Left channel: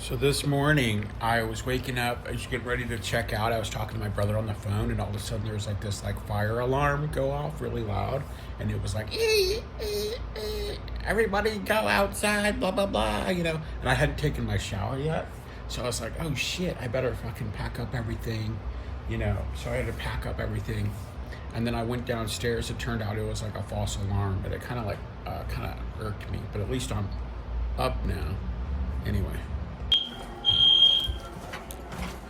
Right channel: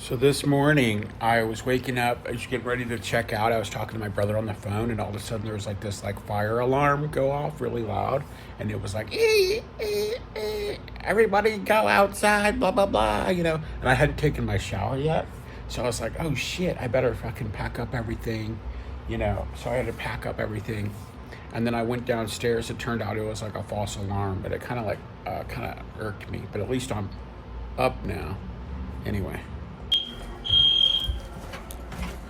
So this morning, I was waking up, I was getting ready to check out. I was talking to my brother on the phone, and all of a sudden there was like this fire alarm go off really loud, and it was like, everybody go outside, blah blah blah, And I hadn't taken my shower yet, so I was like, oh shit, I better fucking pack up everything. So I had to pack up everything, and then I went downstairs. It turned out it was like a false alarm, but it kind of irked me. But at least I'm up now. Anyway.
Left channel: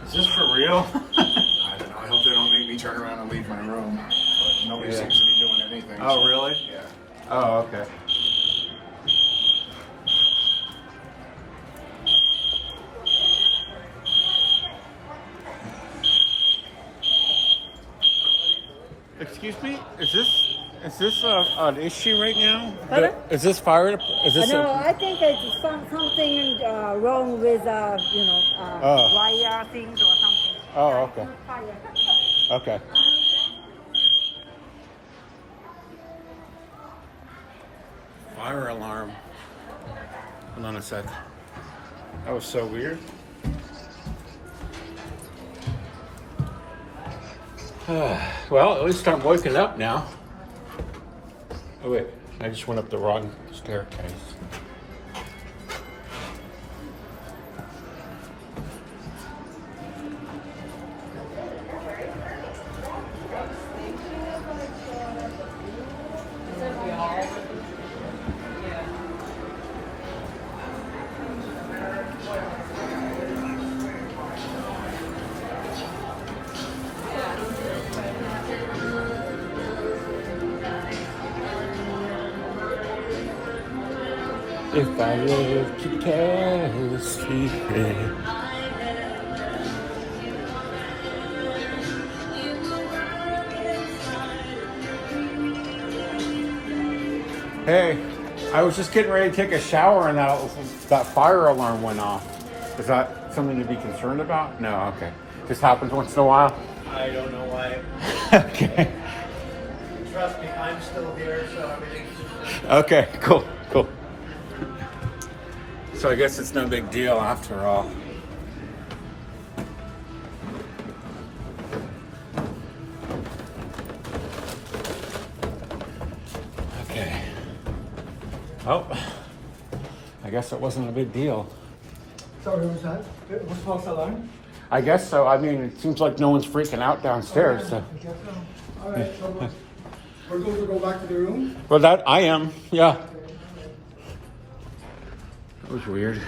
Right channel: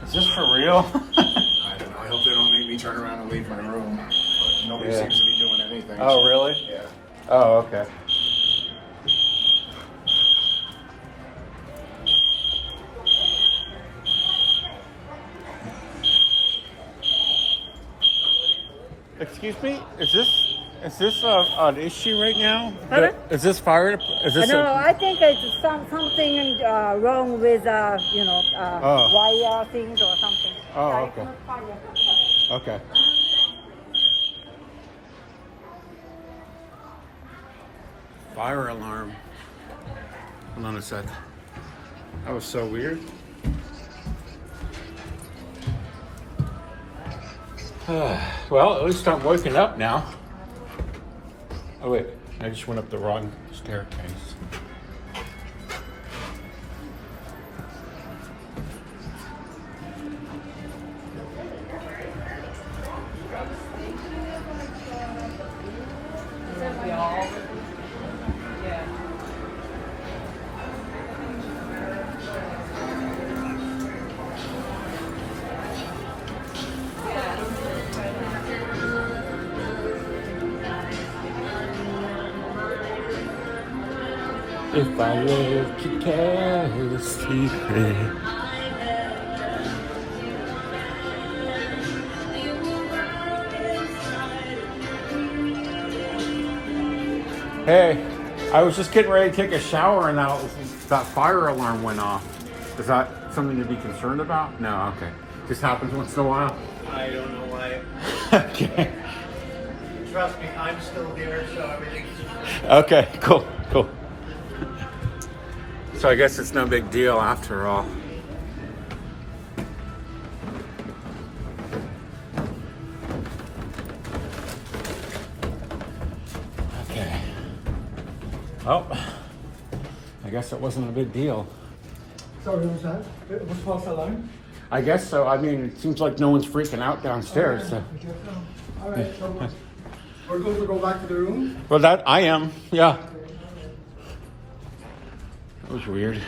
Is this for real? I don't know. I hope they don't make me turn around and leave my room. But nobody seems to be doing anything. Oh, so, really? Yeah. Oh, okay. Excuse me? Is this an issue right now? Pardon? Is this fire? Is this? No, I think it's something wrong with Oh. wire things or something. Oh, It's okay. not fire. Okay. Fire alarm. Hold on a sec. That was so weird. Well, at least I'm waking up now. Oh wait, I just went up the wrong staircase. If I live to tell a secret. Hey, I was just getting ready to take a shower and that fire alarm went off. Is that something to be concerned about? No, okay. Just happens once in a while? I don't know why. Okay. Trust me, I'm still here, so everything's Okay, cool. So I guess it's no big deal after all. Okay. Oh, I guess it wasn't a big deal. Sorry, what was that? It was false alarm? I guess so. I mean, it seems like no one's freaking out downstairs. So. All right, so we're going to go back to the room. Well, that I am. Yeah. That was weird.